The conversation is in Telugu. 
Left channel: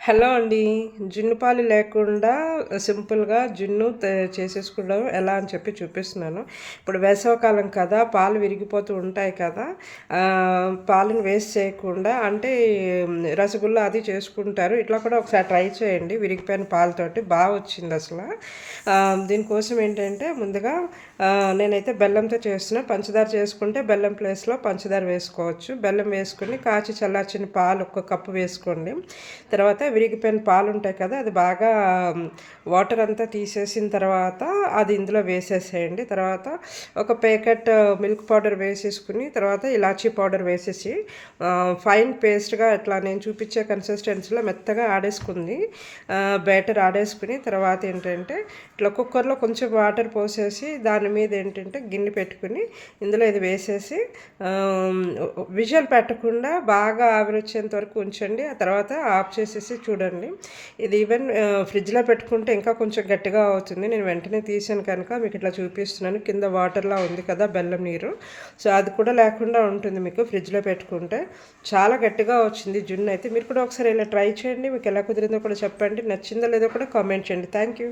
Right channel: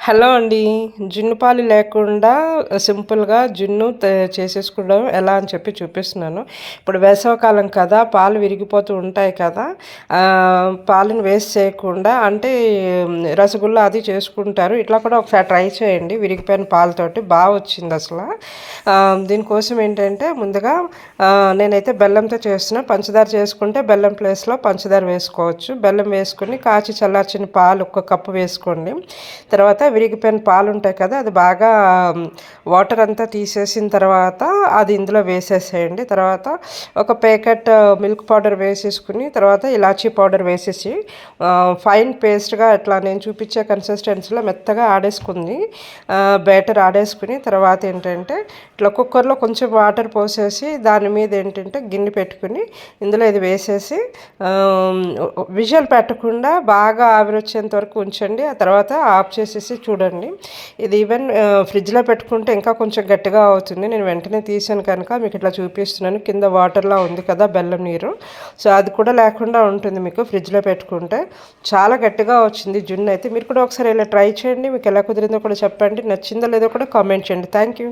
హలో అండి. జున్ను పాలు లేకుండా సింపుల్‌గా జున్ను చేసేసుకోవడం ఎలా అని చెప్పి చూపిస్తున్నాను. ఇప్పుడు వేసవికాలం కదా! పాలు విరిగిపోతూ ఉంటాయి కదా! పాలను వేస్ట్ చేయకుండా అంటే రసగుల్లా అది చేసుకుంటారు. ఇట్లా కూడా ఒకసారి ట్రై చేయండి. విరిగిపోయిన పాలతోటి వచ్చిందసల. దీనికోసం ఏంటంటే ముందుగా నేనైతే బెల్లంతో చేస్తున్నా. పంచదార చేసుకుంటే బెల్లం ప్లేస్‌లో పంచదార వేసుకోవచ్చు. బెల్లం వేసుకొని కాచి చల్లార్చిన పాలు ఒక కప్పు వేసుకోండి. తర్వాత విరిగిపోయిన పాలు ఉంటాయి కదా, అది బాగా వాటర్ అంతా తీసేసిన తర్వాత అది ఇందులో వేసేసేయండి. తర్వాత ఒక ప్యాకెట్ మిల్క్ పౌడర్ వేసేసుకుని తర్వాత ఇలాచీ పౌడర్ వేసేసి ఫైన్ పేస్ట్గా ఇట్లా నేను చూపించే కన్సిస్టెన్సీలో మెత్తగా ఆడేసుకుంది. బ్యాటర్ ఆడేసుకుని తర్వాత ఏంటంటే ఇట్లా కుక్కర్లో కొంచెం వాటర్ పోసేసి దాని మీద ఏంటంటే గిన్నె పెట్టుకుని ఇందులో ఇది వేసేసి విజిల్ పెట్టకుండా బాగా ఆవిరి వచ్చేంత వరకు ఉంచండి. ఆ తర్వాత ఆఫ్ చేసేసి చూడండి. ఇది ఈవెన్ ఫ్రిడ్జ్లో పెట్టుకుంటే ఇంకా కొంచెం గట్టిగా అవుతుంది. నేను వెంటనే తీసాను కనుక మీకు ఇట్లా చూపిస్తున్నాను. కింద వాటర్లా ఉంది కదా బెల్లం నీరు, సో అది కూడా లేకుండా ఉంటుంది మీకు ఫ్రిడ్జ్లో పెట్టుకుంటే. చాలా గట్టిగా వచ్చింది జున్ను అయితే. మీరు కూడా ఒకసారి ఇలా ట్రై చేయండి. మీకు ఎలా కుదిరిందో కూడా చెప్పండి. నచ్చిందో లేదో కూడా కామెంట్ చేయండి. Thank you.